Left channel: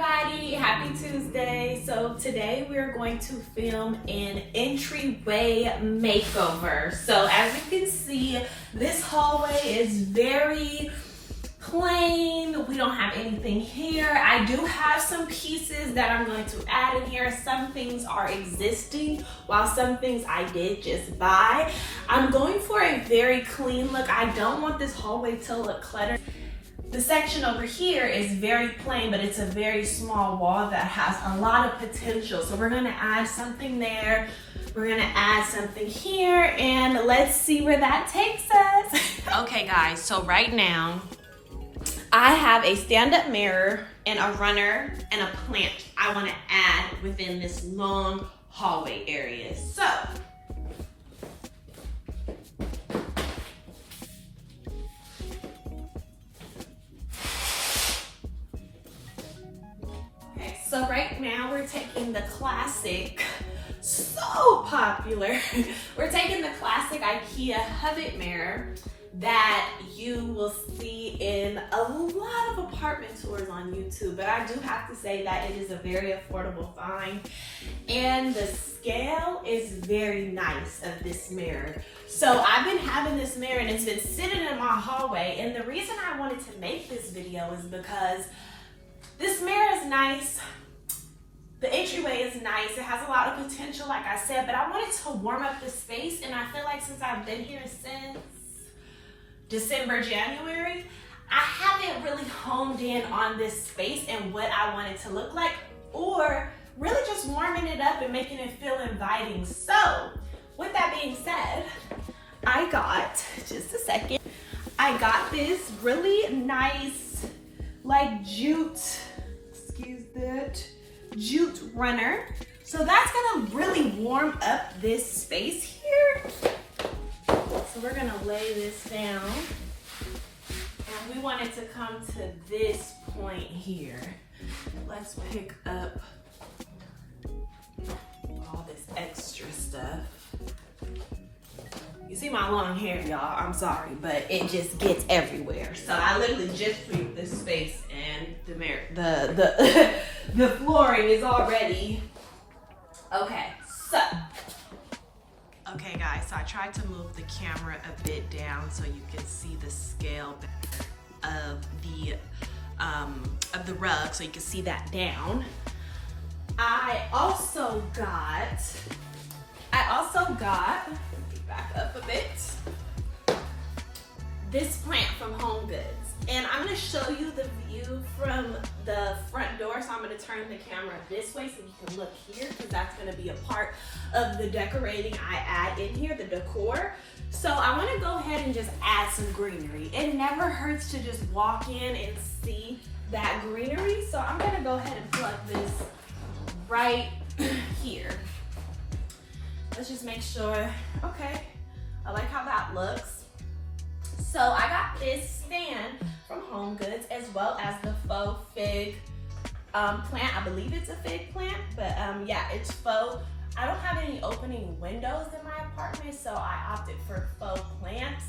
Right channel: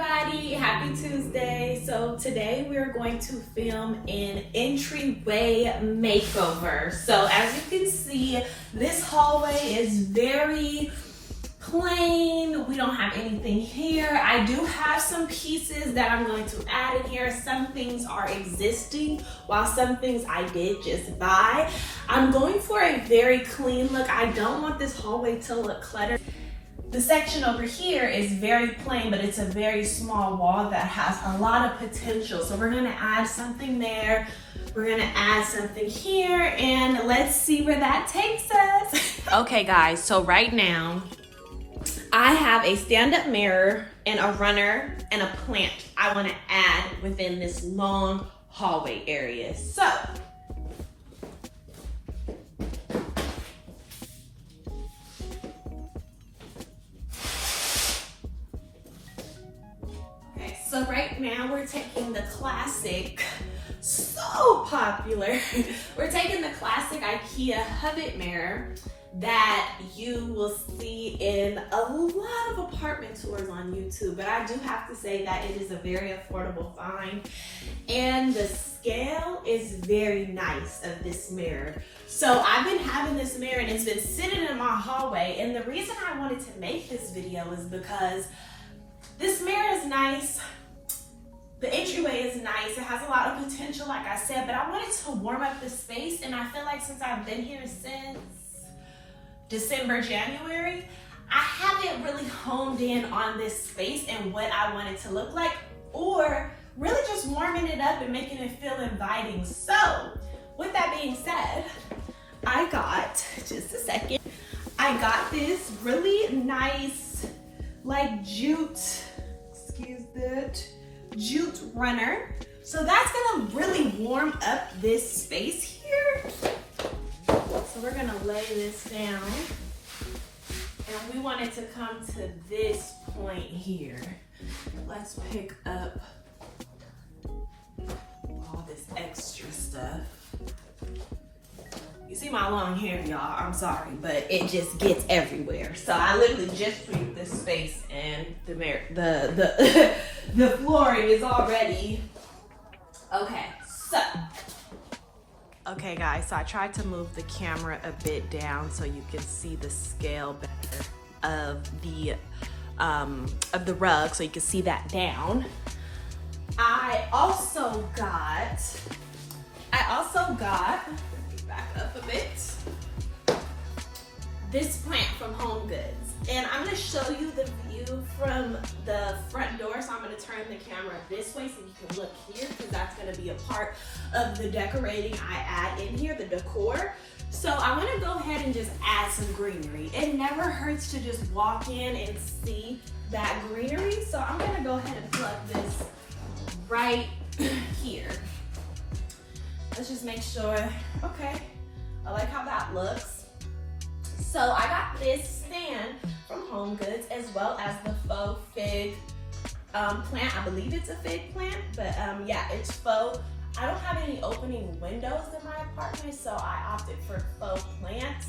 everybody, happy Tuesday. So today we're going to film an entryway makeover. So as you can see, this hallway is very plain. We don't have anything here. I do have some pieces that I'm going to add in here. Some things are existing, while some things I did just buy. I'm going for a very clean look. I don't want this hallway to look cluttered. The section over here is very plain, but it's a very small wall that has a lot of potential. So we're gonna add something there. We're gonna add something here, and let's see where that takes us. Okay guys, so right now, I have a stand-up mirror and a runner and a plant I wanna add within this long hallway area. So, So right now we're taking the classic, so popular, we're taking the classic Ikea Hovet mirror that you will see in a lot of apartment tours on YouTube. But I do have to say that it is a very affordable find, and the scale is very nice of this mirror. So I've been having this mirror and it's been sitting in my hallway, and the reason I wanted to make this video is because this mirror is nice. The entryway is nice. It has a lot of potential, like I said, but I wanted to warm up the space, and I feel like since I've been here since December, January, I haven't really honed in on this space and what I want it to look like, or really just warming it up and making it feel inviting. So with that being said, I got this really nice, like jute runner. So that's gonna really warm up this space here. So we're gonna lay this down, and we want it to come to this point here. Let's pick up all this extra stuff. You see my long hair, y'all, I'm sorry, but it just gets everywhere. So I literally just picked this space, and the flooring is already, okay, so. Okay guys, so I tried to move the camera a bit down so you can see the scale better of the rug, so you can see that down. I also got, back up a bit, this plant from HomeGoods. And I'm gonna show you the view from the front door. So I'm gonna turn the camera this way so you can look here, because that's gonna be a part of the decorating I add in here, the decor. So I wanna go ahead and just add some greenery. It never hurts to just walk in and see that greenery. So I'm gonna go ahead and plug this right here. Let's just make sure, okay. I like how that looks. So I got this stand from HomeGoods, as well as the faux fig plant. I believe it's a fig plant, but yeah, it's faux. I don't have any opening windows in my apartment, so I opted for faux plants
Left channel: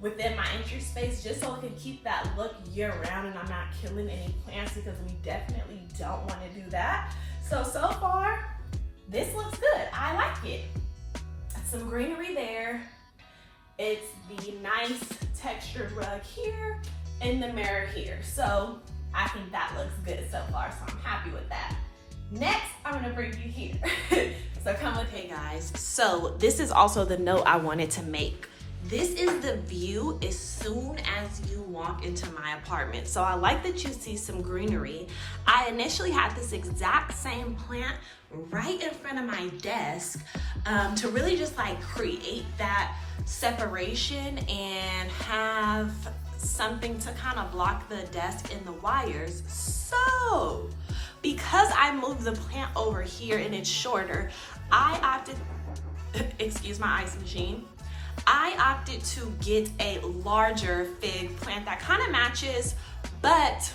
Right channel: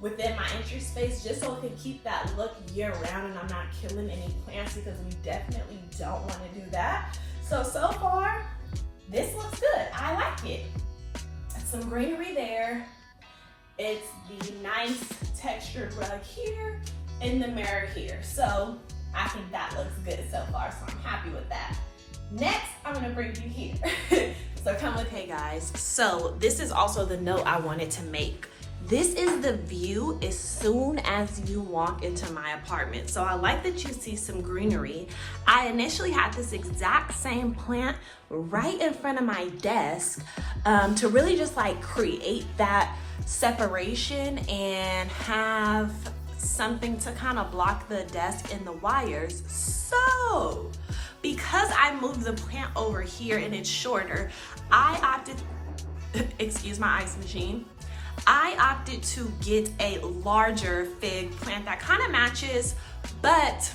within my entry space, just so it can keep that look year round and I'm not killing any plants, because we definitely don't want to do that. So far, this looks good. I like it. Some greenery there. It's the nice textured rug here and the mirror here. So I think that looks good so far, so I'm happy with that. Next, I'm gonna bring you here. So come with, hey guys. So this is also the note I wanted to make. This is the view as soon as you walk into my apartment. So I like that you see some greenery. I initially had this exact same plant right in front of my desk to really just like create that separation and have something to kind of block the desk and the wires. So because I moved the plant over here and it's shorter, I opted, excuse my ice machine, I opted to get a larger fig plant that kind of matches, but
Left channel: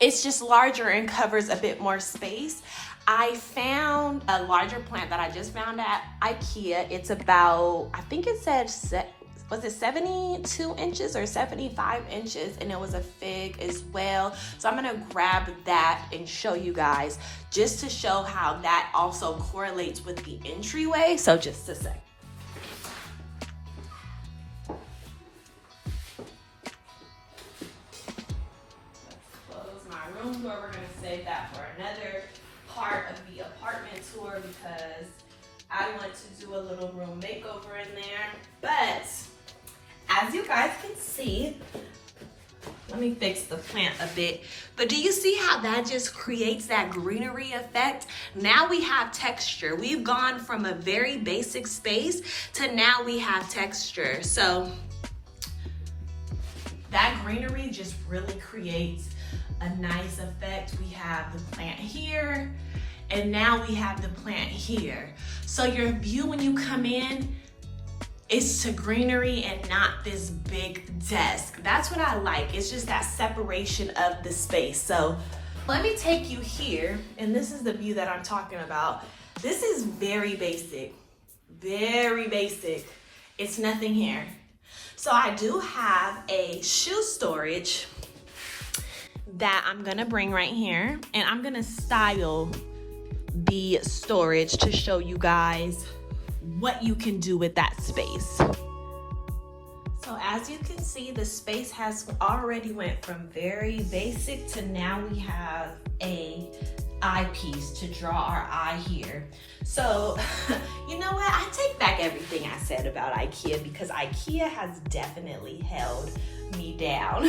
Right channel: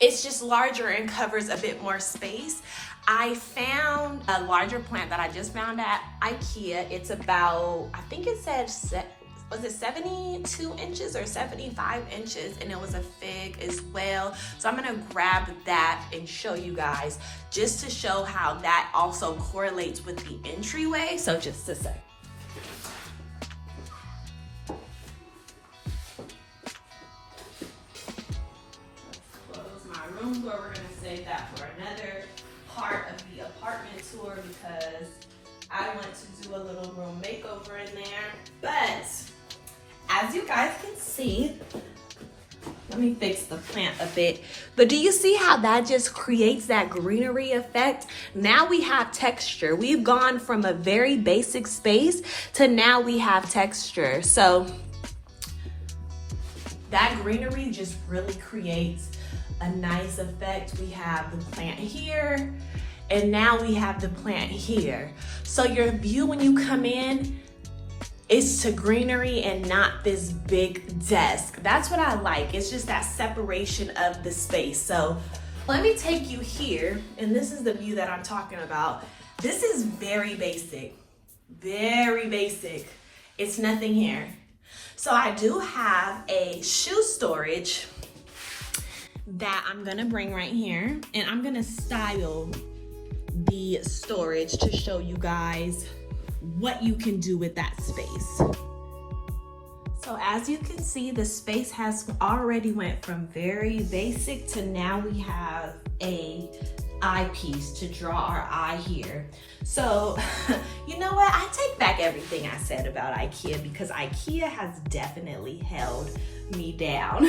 it's just larger and covers a bit more space. I found a larger plant that I just found at Ikea. It's about, I think it said was it 72 inches or 75 inches, and it was a fig as well. So I'm gonna grab that and show you guys, just to show how that also correlates with the entryway. So just a sec. Room tour. We're gonna save that for another part of the apartment tour because I want to do a little room makeover in there. But as you guys can see, let me fix the plant a bit. But do you see how that just creates that greenery effect? Now we have texture. We've gone from a very basic space to now we have texture. So that greenery just really creates a nice effect. We have the plant here, and now we have the plant here. So your view when you come in is to greenery and not this big desk. That's what I like. It's just that separation of the space. So let me take you here, and this is the view that I'm talking about. This is very basic, very basic. It's nothing here. So I do have a shoe storage that I'm gonna bring right here, and I'm gonna style the storage to show you guys what you can do with that space. So as you can see, the space has already went from very basic to now we have a eyepiece to draw our eye here. So you know what, I take back everything I said about Ikea, because Ikea has definitely held me down.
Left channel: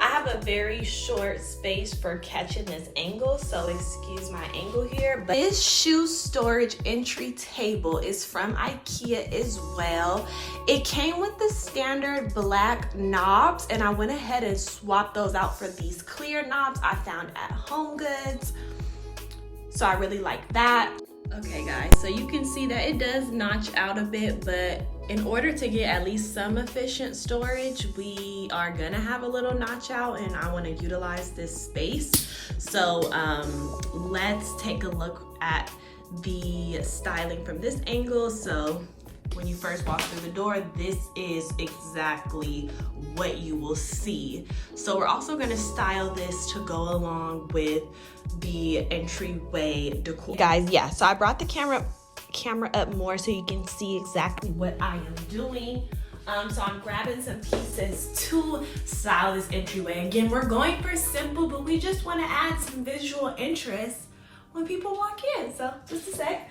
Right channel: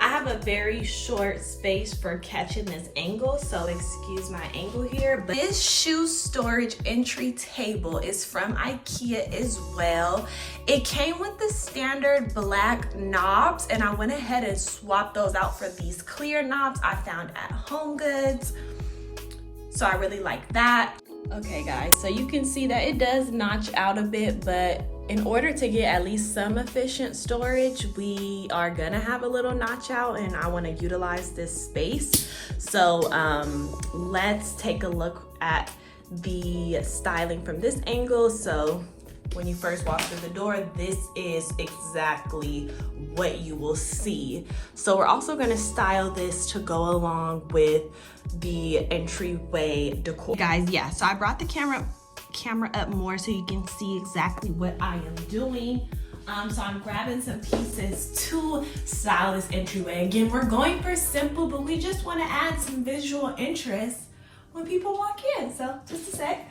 I have a very short space for catching this angle, so excuse my angle here. But this shoe storage entry table is from Ikea as well. It came with the standard black knobs, and I went ahead and swapped those out for these clear knobs I found at HomeGoods. So I really like that. Okay guys, so you can see that it does notch out a bit, but in order to get at least some efficient storage, we are gonna have a little notch out, and I wanna utilize this space. So let's take a look at the styling from this angle. So when you first walk through the door, this is exactly what you will see. So we're also gonna style this to go along with the entryway decor. Guys, yeah, so I brought the camera up more so you can see exactly what I am doing. So I'm grabbing some pieces to style this entryway. Again, we're going for simple, but we just want to add some visual interest when people walk in. So just a sec.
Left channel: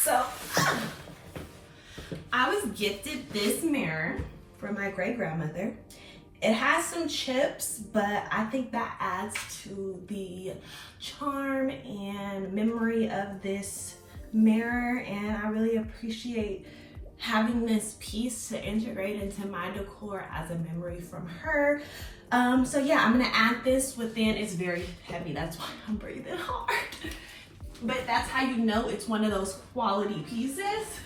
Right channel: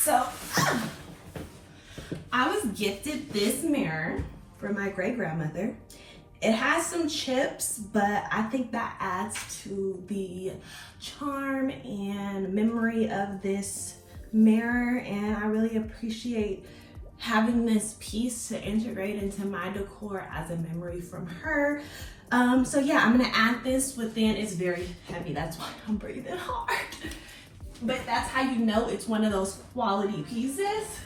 So I was gifted this mirror from my great grandmother. It has some chips, but I think that adds to the charm and memory of this mirror, and I really appreciate having this piece to integrate into my decor as a memory from her. So yeah, I'm gonna add this within. It's very heavy, that's why I'm breathing hard. But that's how you know it's one of those quality pieces.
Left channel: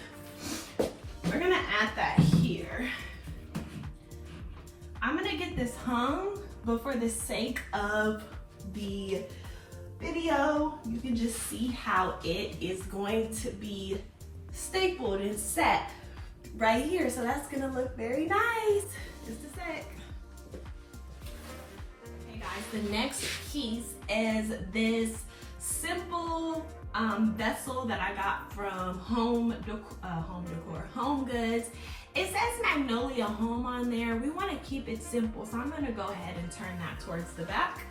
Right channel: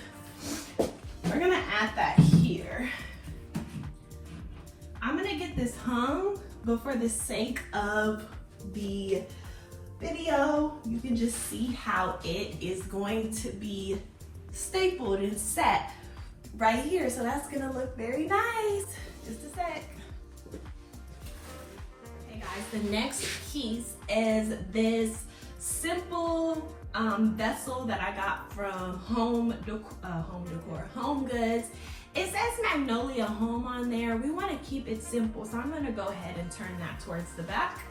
We're gonna add that here. I'm gonna get this hung, but for the sake of the video, you can just see how it is going to be stapled and set right here. So that's gonna look very nice. Just a sec. Okay guys, the next piece is this simple vessel that I got from HomeGoods. It says Magnolia Home on there. We want to keep it simple, so I'm going to go ahead and turn that towards the back.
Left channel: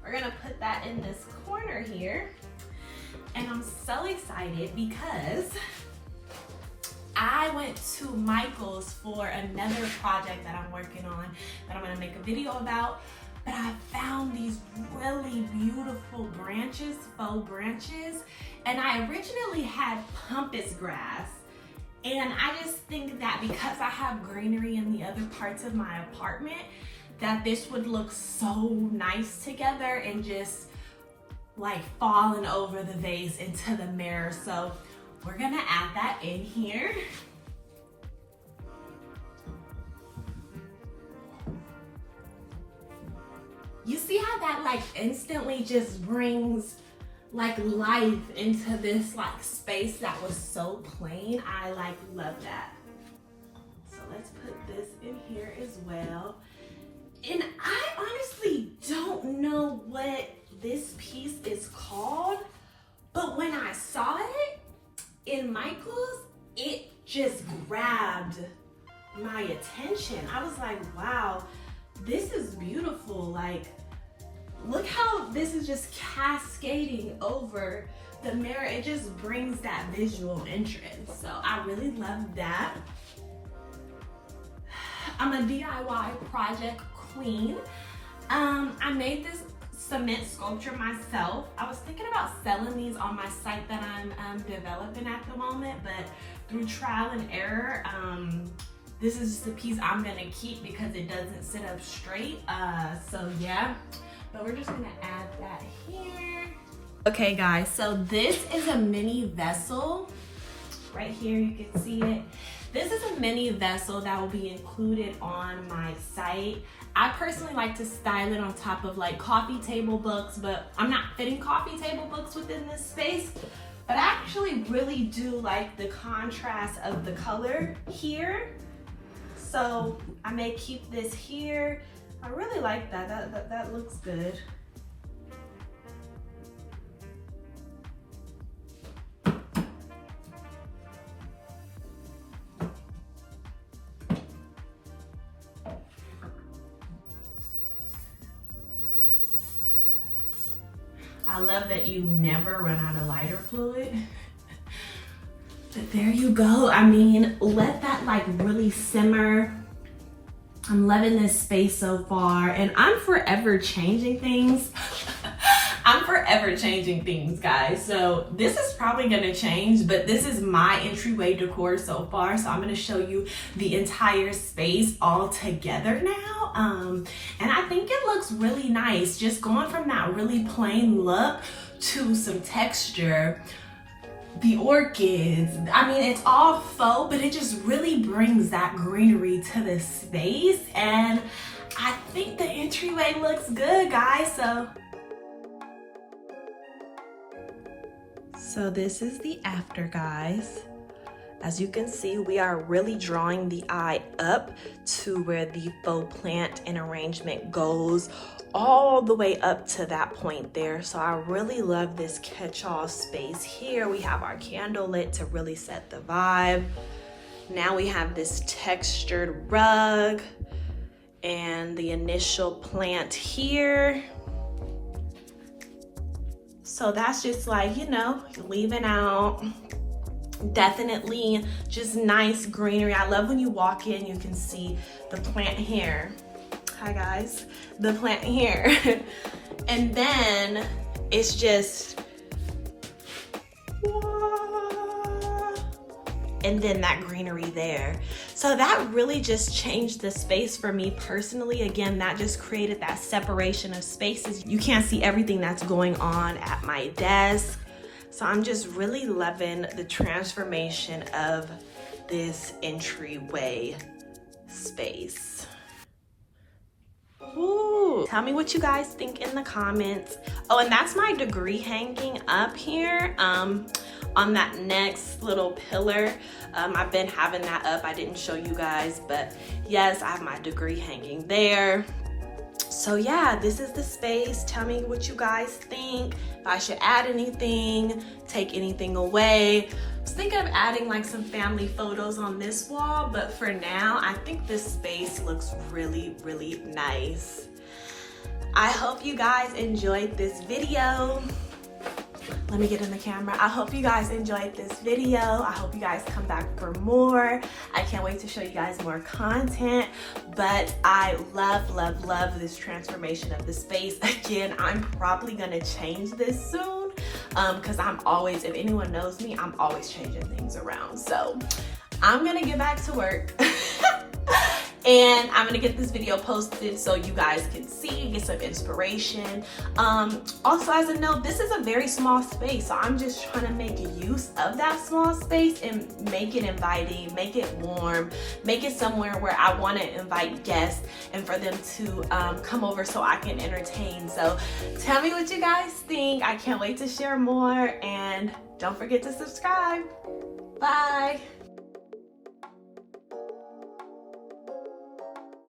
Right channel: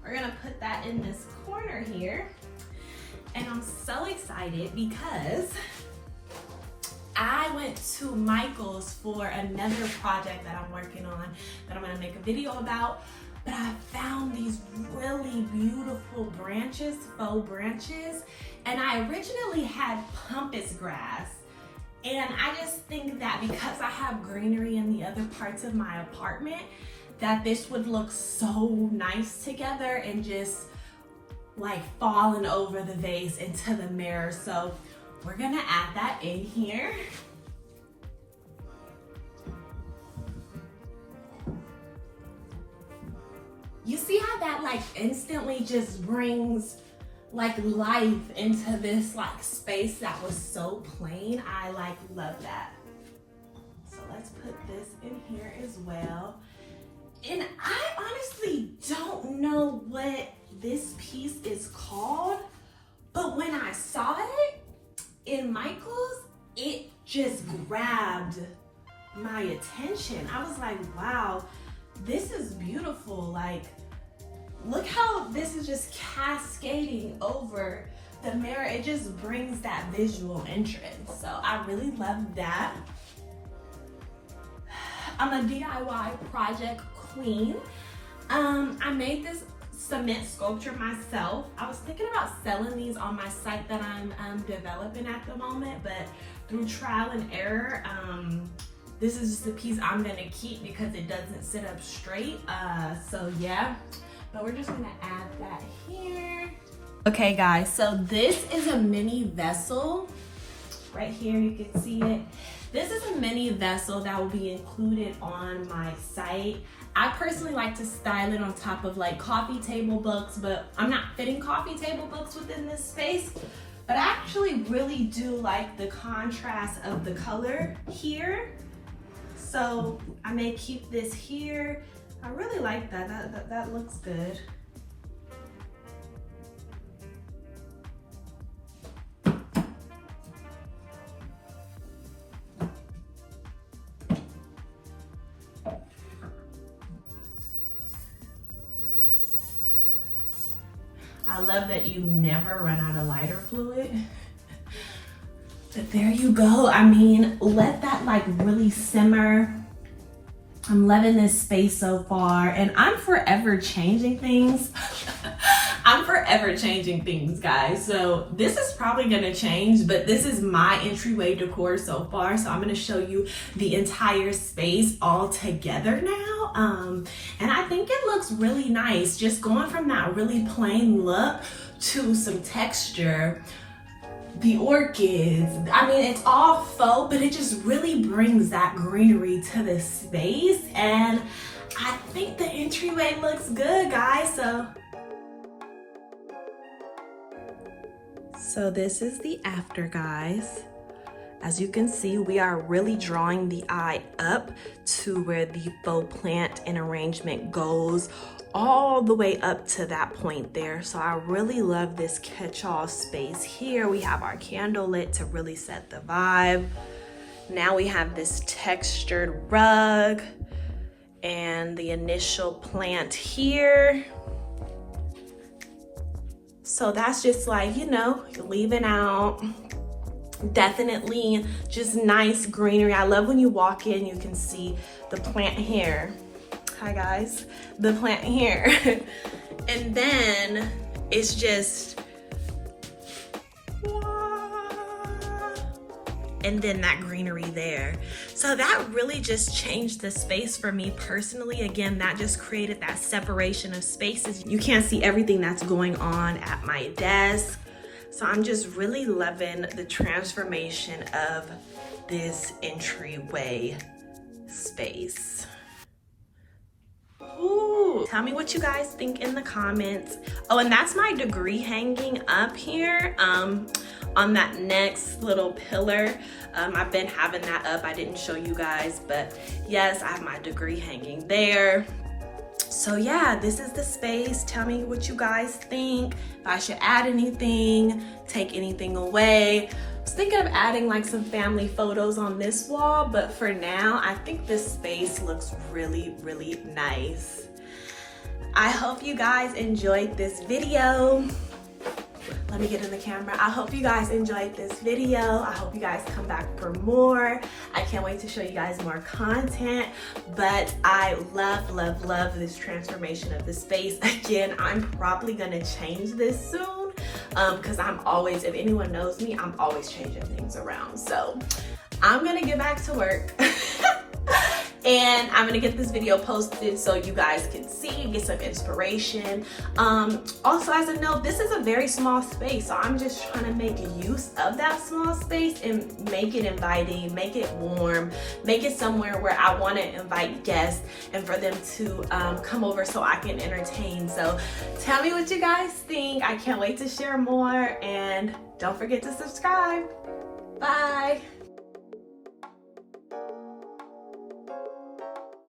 We're going to put that in this corner here. And I'm so excited because I went to Michael's for another project that I'm working on that I'm going to make a video about. But I found these really beautiful branches, faux branches. And I originally had pampas grass. And I just think that because I have greenery in the other parts of my apartment, that this would look so nice together and just like falling over the vase into the mirror. So we're gonna add that in here. You see how that like instantly just brings like life into this like space that was so plain. I like love that. as well. And I honestly don't know what this piece is called, but when I saw it in Michael's, it just grabbed my attention. I was like, wow, this is beautiful. Like, look how this is just cascading over the mirror. It just brings that visual interest. So I really love that. I'm a DIY project queen. I made this cement sculpture myself. I was thinking about selling these on my site that I'm developing at the moment, but through trial and error, this is just a piece I'm gonna keep because it doesn't sit up straight. So yeah, but we're just gonna add that here. Okay guys, so this is a mini vessel. Right here, you can see it. This is a mini vessel that will be included on my site. I personally like to style it on top of like coffee table books, but I'm not fitting coffee table books within this space. But I actually really do like the contrast of the color here. So I may keep this here. I really like that. That looks good. I love that you never run out of lighter fluid. But there you go. I mean, let that like really simmer. I'm loving this space so far, and I'm forever changing things. I'm forever changing things, guys. So this is probably gonna change, but this is my entryway decor so far. So I'm gonna show you the entire space all together now. And I think it looks really nice. Just going from that really plain look to some texture. The orchids, I mean, it's all faux, but it just really brings that greenery to the space. And I think the entryway looks good, guys. So this is the after, guys. As you can see, we are really drawing the eye up to where the faux plant and arrangement goes, all the way up to that point there. So I really love this catch-all space here. We have our candle lit to really set the vibe. Now we have this textured rug and the initial plant here. So that's just like, you know, leaving out definitely just nice greenery. I love when you walk in, you can see the plant here. Hi guys, the plant here. And then it's just, and then that greenery there. So that really just changed the space for me personally. Again, that just created that separation of spaces. You can't see everything that's going on at my desk. So I'm just really loving the transformation of this entryway space. Ooh, tell me what you guys think in the comments. Oh, and that's my degree hanging up here on that next little pillar. I've been having that up. I didn't show you guys, but yes, I have my degree hanging there. So yeah, this is the space. Tell me what you guys think. If I should add anything, take anything away. I was thinking of adding like some family photos on this wall, but for now, I think this space looks really, really nice. I hope you guys enjoyed this video. Let me get in the camera. I hope you guys enjoyed this video. I hope you guys come back for more. I can't wait to show you guys more content, but I love, love, love this transformation of the space. Again, I'm probably gonna change this soon because I'm always, if anyone knows me, I'm always changing things around. So I'm gonna get back to work. And I'm gonna get this video posted so you guys can see, get some inspiration. Also, as a note, this is a very small space, so I'm just trying to make use of that small space and make it inviting, make it warm, make it somewhere where I want to invite guests and for them to come over so I can entertain. So tell me what you guys think. I can't wait to share more, and don't forget to subscribe. Bye.